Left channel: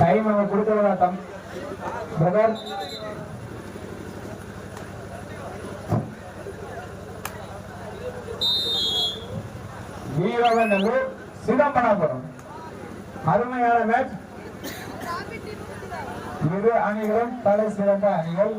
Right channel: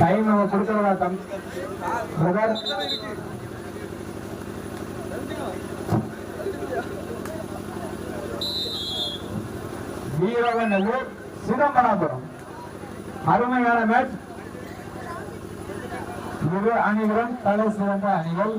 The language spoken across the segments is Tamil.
டைம் நம்ம கொடுக்கறதா தம் பிரதர். வீரவநல்லூர் சிதம்பரம் அருமையான மேட்ச். இரு அணிகளும் தலை சிறந்த அணிகள்.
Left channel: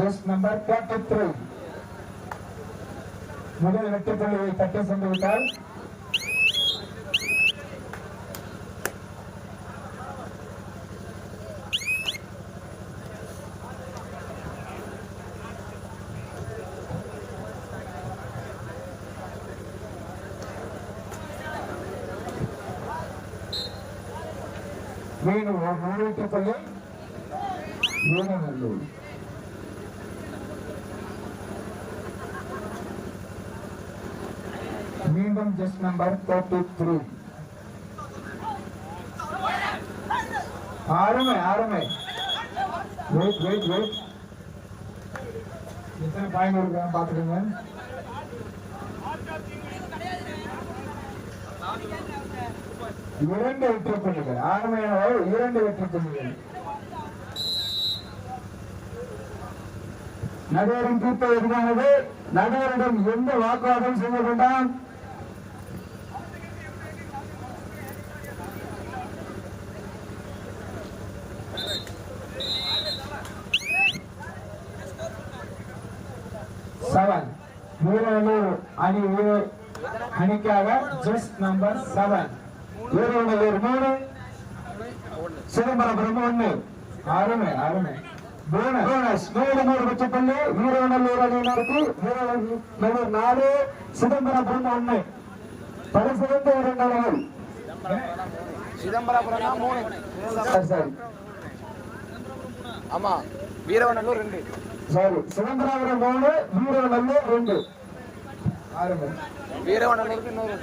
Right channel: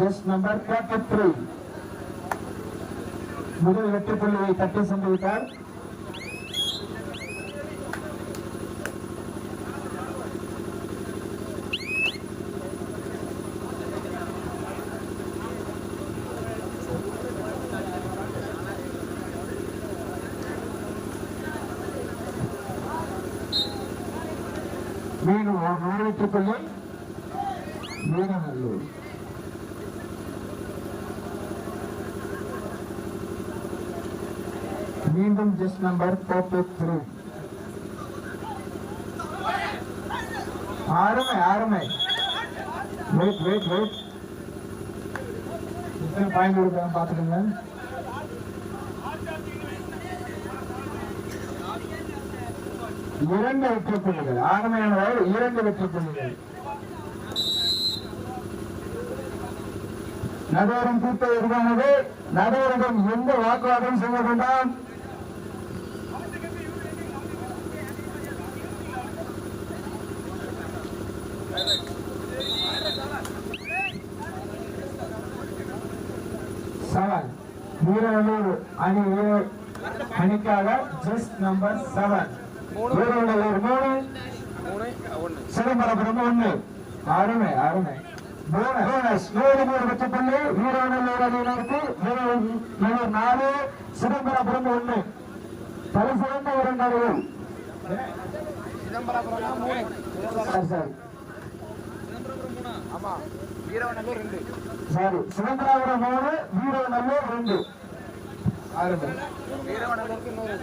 ஜஸ்ட் நம்பர் 33 முதல் வெற்றி புள்ளியை தட்டி சென்றுவிட்டார். மீண்டும் ஒரு வெற்றி புள்ளி வீரநல்லூர். மீண்டும் ஜஸ்ட் நம்பர் 33. அருமை அருமை. Wait wait wait. எத்தனை பாயிண்ட் கொடுக்கணும் பாக்குறீங்க? இரண்டு வெற்றி புள்ளிகள். அருமையான இரண்டு வெற்றி புள்ளிகள். நகரின் தீர்ப்பு எதிரானது. நகரிடம் எந்த வாக்குவாதம் செய்து கொண்டான்? வீரநல்லூர் அணி அணிக்காக ஜஸ்ட் நம்பர் 7. வீரநல்லூர் 3 சிதம்பரம் 1. அருமை அருமை. மூணு பட்சப்பள்ளி வீரநல்லூர் அணியினருக்கு வீரநல்லூர் 4 சிதம்பரம் 1. பல சிறந்த இரண்டு அணிகள். சிதம்பரம் 3. ஆமா வீரநல்லூர் 2. சரி சிதம்பரம் 3 வீரநல்லூர் 2. வீரநல்லூருக்கு இன்னொரு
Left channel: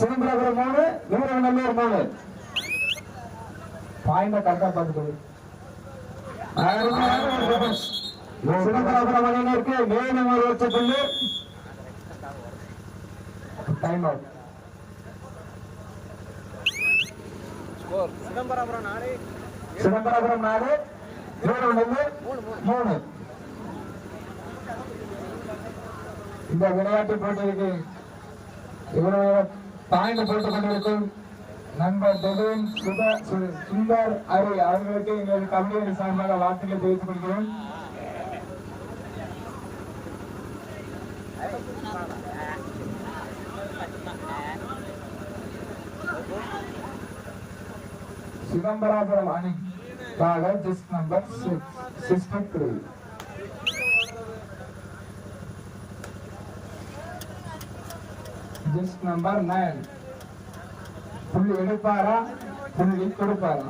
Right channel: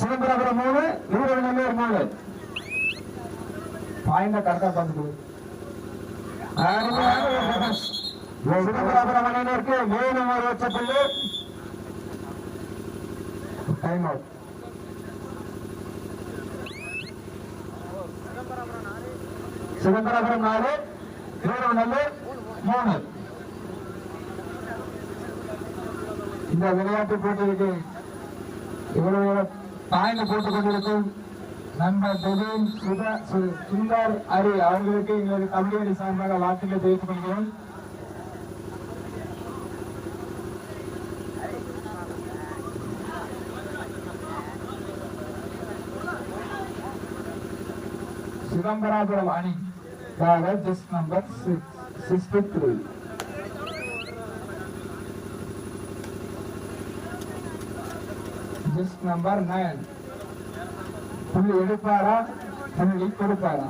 சிதம்பரம் 3 வீரநல்லூர் 3. பாயிண்ட கரெக்டா பார்த்துக்கொடு. சிதம்பரம் அணியினருக்கு மேலும் ஒரு வெற்றி புள்ளி. Time out. சிதம்பரம் 4 வீரநல்லூர் 3. இந்த விளையாட்டு போட்டிக்கு இவ்வளவு பாயிண்ட் போட்டுக் கொண்டிருக்கும் நண்பர் திடீன் சுந்தர் ஹரி அவர்களுக்கு எங்களது கமிட்டியின் சார்பாக வாழ்த்துக்களை தெரிவித்துக் கொள்கிறேன். சிதம்பரம் அணிக்காக ஜஸ்ட் நம்பர் 63. Just number 9. புள்ளி எடுப்பாரா புள்ளி கொடுப்பாரா?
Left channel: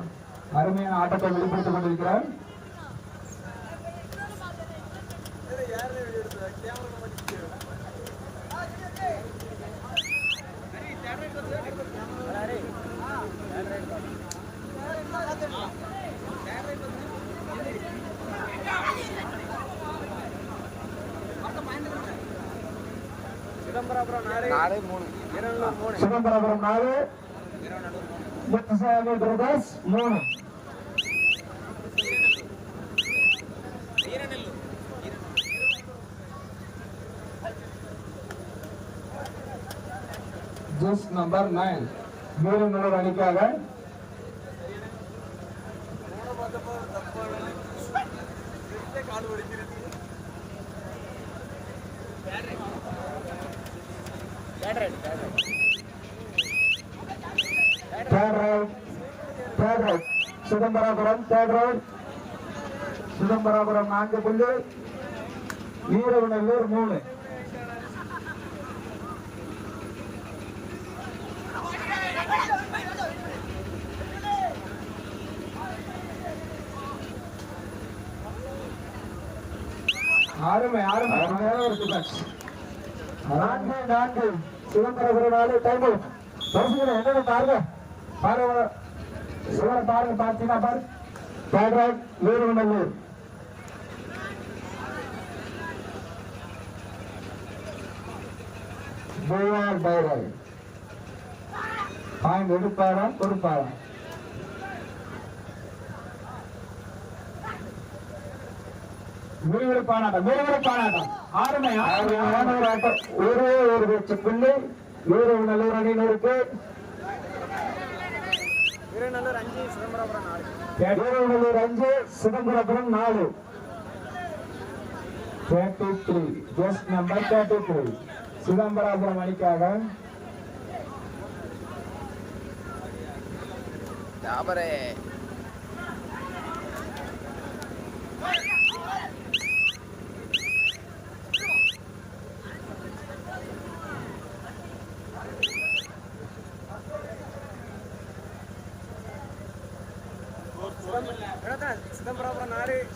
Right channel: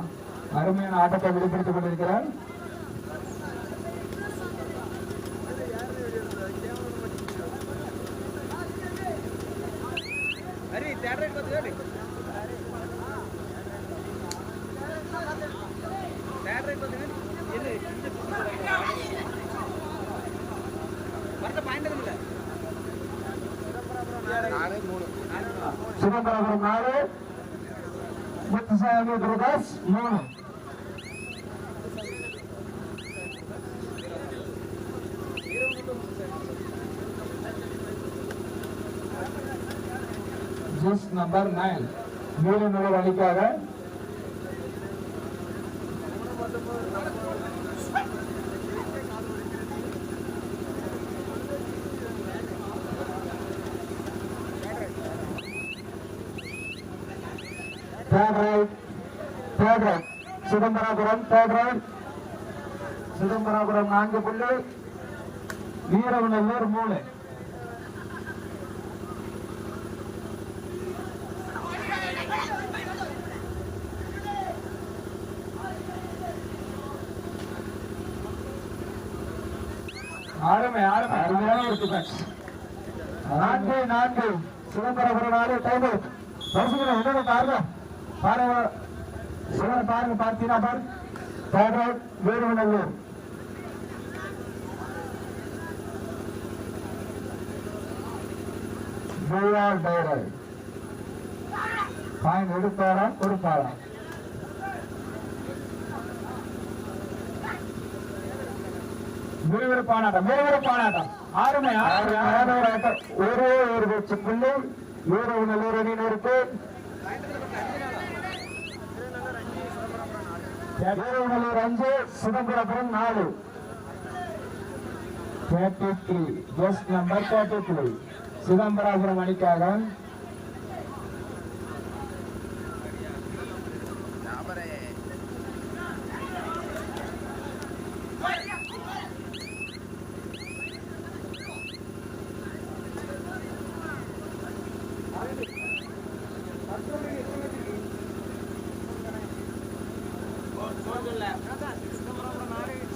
அருமையான ஆட்டத்தை வெளிப்படுத்திக் கொண்டிருக்கிறார். சிதம்பரம் 4 முத்துசாமி பிரகாஷ் 3. ஜஸ்ட் நம்பர் 9 வீரநல்லூர் அணிக்காக சிதம்பரம் 3 சிதம்பரம் 4 புள்ளி வீரநல்லூர் 3. ஆளுமை அருமையான இருக்கு. 4 சிதம்பரம் 4 டைம் பரிசுகளை என்னென்ன காரணம் பாருங்க. சிவனை பாருங்க பார்த்தீங்கன்னா வீரநல்லூர் பாயிண்ட் எடுப்பாரா கொடுப்பாரா? விறுவிறுப்பானாட்டம் அருமையான ஒரு ஆட்டம். ஒரே ஒரு வெச்சு புள்ளி வீரநல்லூர் அணியினருக்கு. வீரநல்லூர் 5 சிதம்பரபுரம் 4. 33 ஜஸ்ட் நம்பர் 33 சிதம்பராபுரம் அணிக்காக.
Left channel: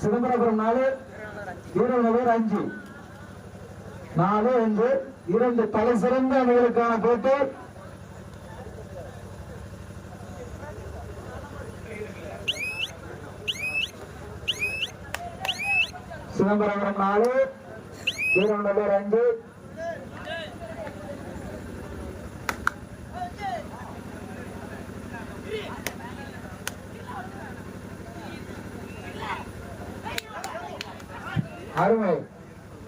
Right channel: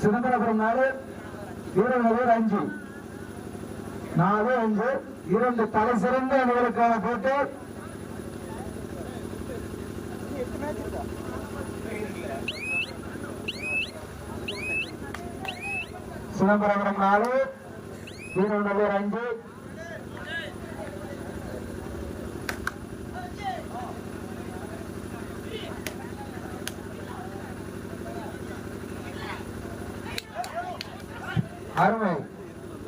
சிதம்பரபுரம் 4 வீரநல்லூர் 5. 4-5 2 தலை சிறந்த அணிகளுக்கான போட்டி. சிதம்பரபுரம் 4 வீரநல்லூர் 5.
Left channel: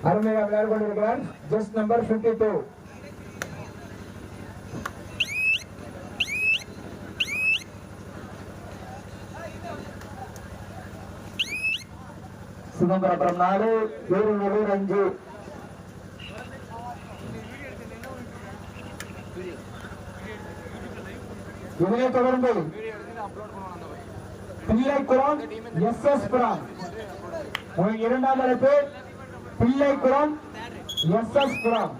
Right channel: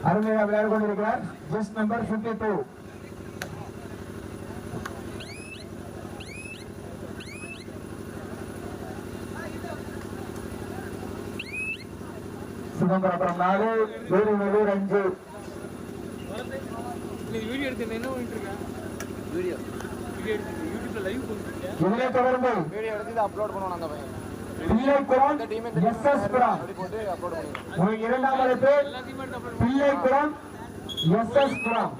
அருமையாக விளையாடி கொண்டிருக்கிறார். Just number 52 Chidambarapuram 4 Veeranallur 5. இதனை தொடர்ந்து பிள்ளைக்குளம் SS புரம் இரண்டாம் இடத்து பிள்ளைக்குளம் SS புரம்.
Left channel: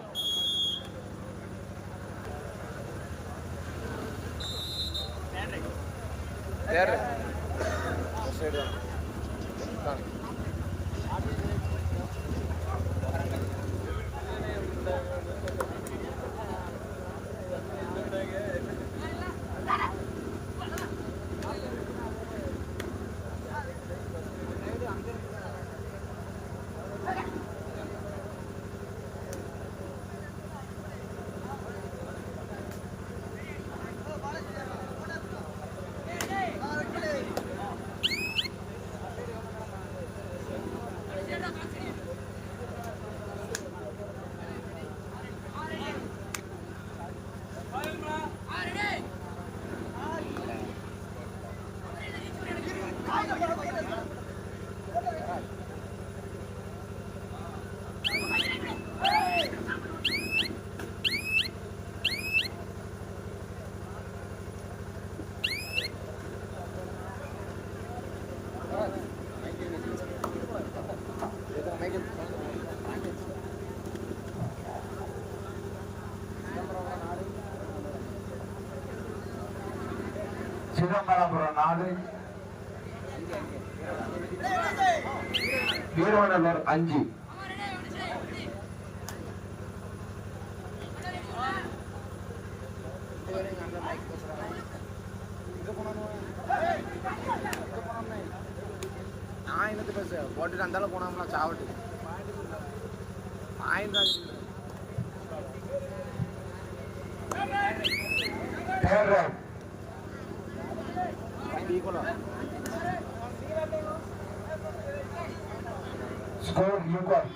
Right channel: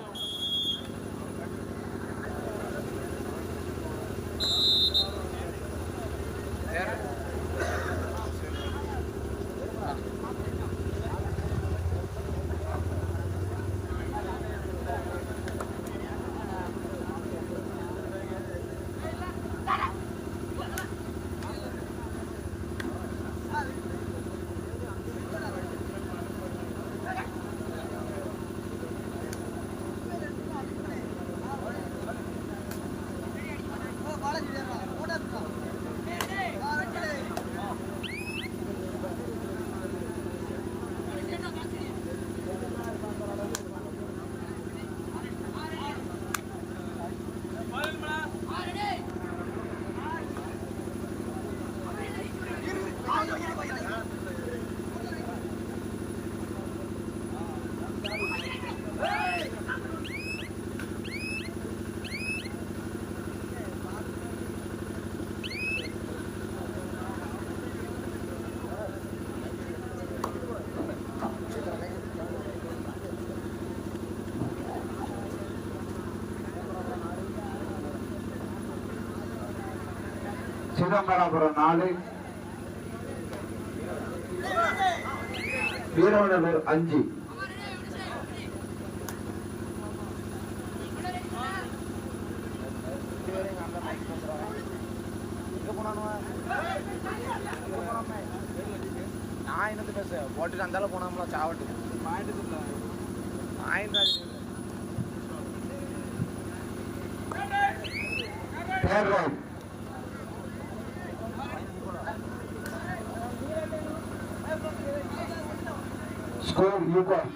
சிதம்பரபுரம் 4 வீரநல்லூர் 5. நான் என்னது பேச போட்டுட்டு அந்தால போனோம்னா சாவட்டு Score equal.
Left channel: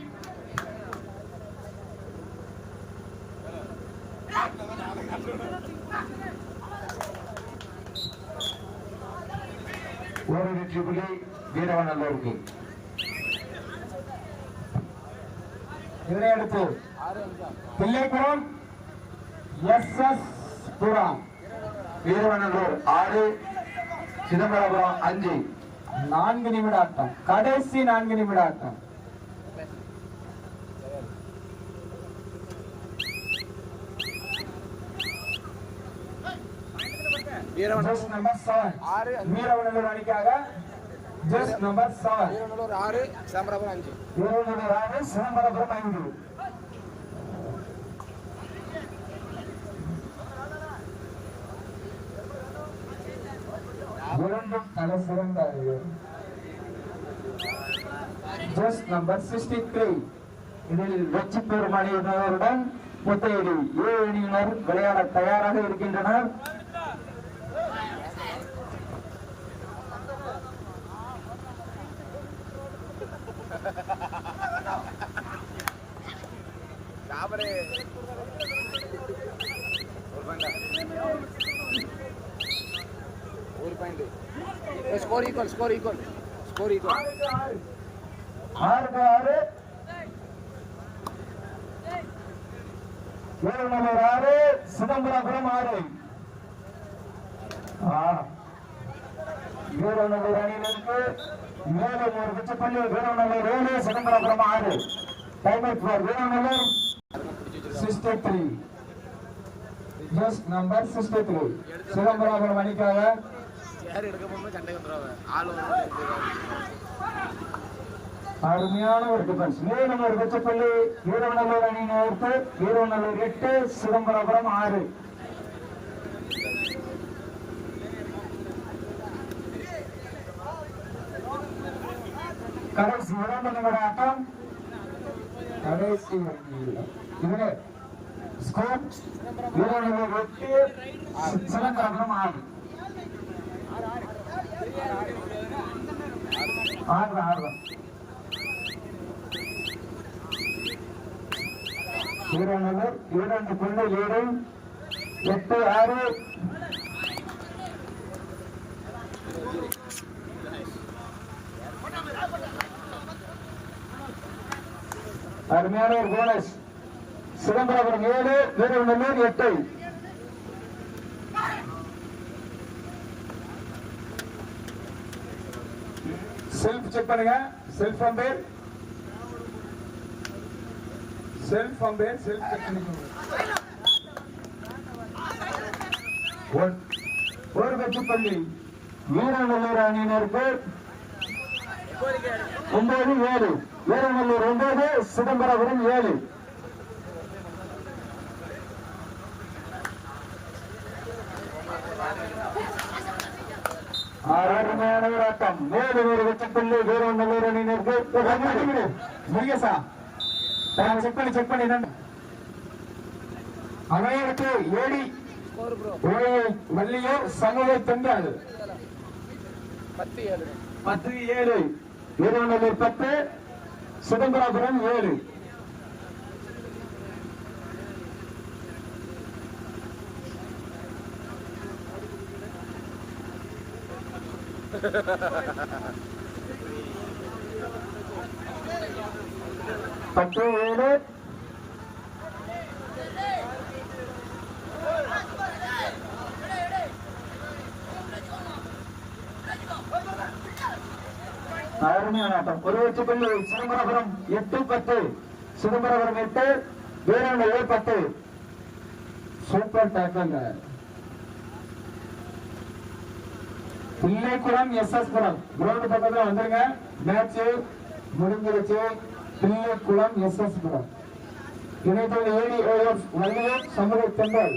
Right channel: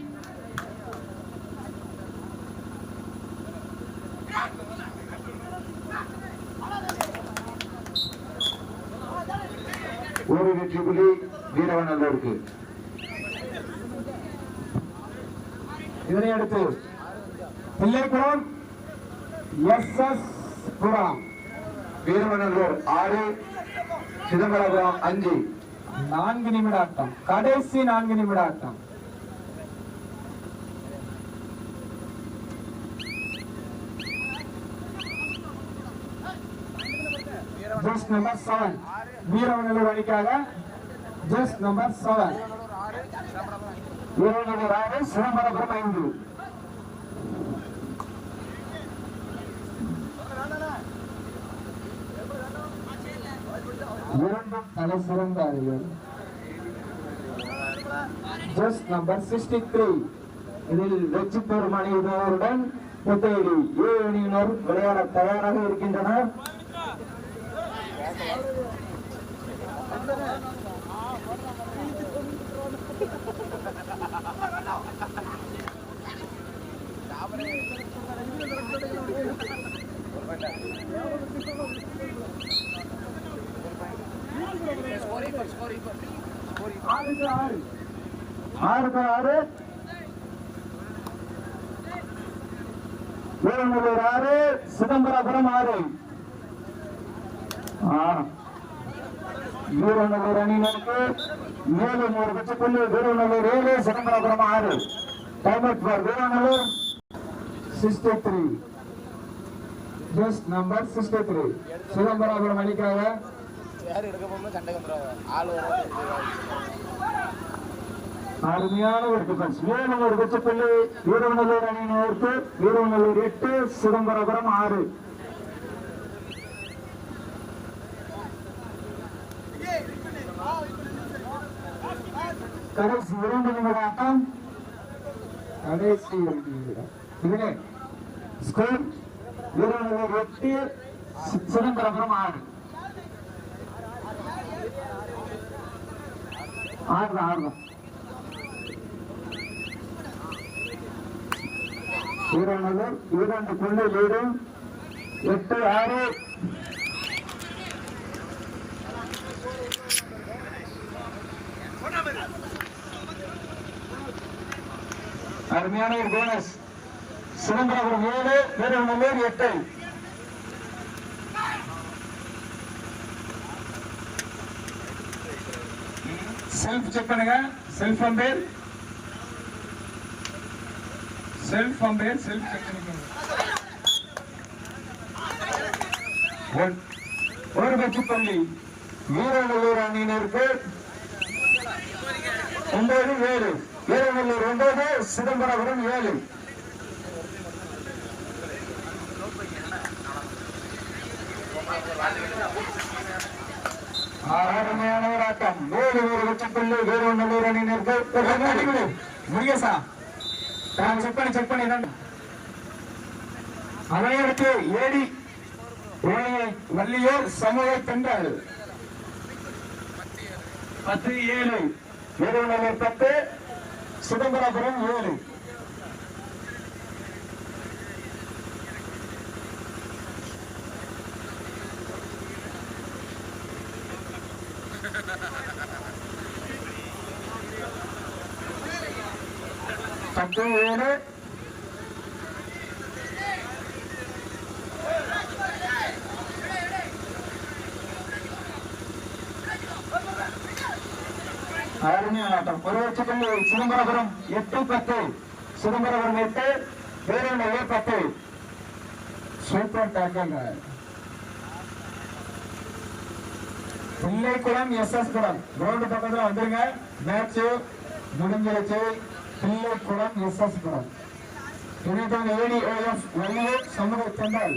ஒரு வெற்றி புள்ளி வீரநல்லூருக்கு. இதனை அடுத்து பிள்ளைக்குளம் SS புரம் வீரநல்லூர் 6 சிதம்பரபுரம் 5. 4 நிமிட ஆட்டம். கடைசி 4 நிமிட ஆட்டம். ஜஸ்ட் நம்பர் 7 வீரநல்லூர் அணிக்காக. Just number 7 Veeranallur 6 Chidambarapuram 5. இரண்டும் தலை சிறந்த அணிகள். ஜஸ்ட் நம்பர் 63 இதில் வெற்றி பெறும் அணியினருடன் புத்தையடி ஏ அணியினர் விளையாட தயாராக இருக்கின்றனர். Score equal 6-6. வீரநல்லூர் 6, சிதம்பரபுரம் 6. வீரநல்லூர் அணியினருக்கு 7 வெற்றிப்புள்ளி. Veeranallur 7, Chidambarapuram 6. Time out for Veeranallur 63. Just number 63. Chidambarapuram அணிக்காக சேர் எடுக்க போகும்போது சண்டை வந்துடுவாங்க. ஆள் வருவாங்க. அருமையான ஒரு டிஃபென்ஸ். 7 வெற்றிப்புள்ளி வீரநல்லூர் அணியினருக்கு. வீரநல்லூர் 8, சிதம்பரபுரம் 6. கடைசி 2 நிமிட ஆட்டம். கடைசி 2 நிமிடம். இதுல ஸ்கோர் வீரநல்லூர் 8, சிதம்பரபுரம் 6. ஆடலாம். வீரநல்லூர் 2 புள்ளி லீடு. 8-6. அருமையான ஒரு bonus. Chidambarapuram 7, Veeranallur 8. Self check பண்ணுங்க. செல்ஃப் அம்பேர் செக் பண்ணுங்க. ஒரு வெற்றிப்புள்ளி வீரநல்லூர் அணியினருக்கு. 9-7. வீரநல்லூர் 9, சிதம்பரபுரம் 7. அருமையான ஒரு ஆட்டம். 7 வெற்றிப்புள்ளி வீரநல்லூர் அணியினருக்கு. முருகேசா செக் பண்ணி அதையடுத்து ஏடி வள்ளியூர் சமூக பெண்கள் 10-7. வீரநல்லூர் 10, சிதம்பரபுரம் 7. ஒரு வெற்றிப்புள்ளி சிதம்பரபுரம் 8-10. சிதம்பரபுரம் 8, வீரநல்லூர் 10. Super tackle. பிள்ளைக்குளம் SS-புரம் கிரவுண்ட் பக்கத்துல வந்துருங்க. மேட்ச் முடிஞ்சிருச்சு. பிள்ளைக்குளம் SS-புரம். இணையதள ADOF வள்ளியூர் சமூக பெண்கள்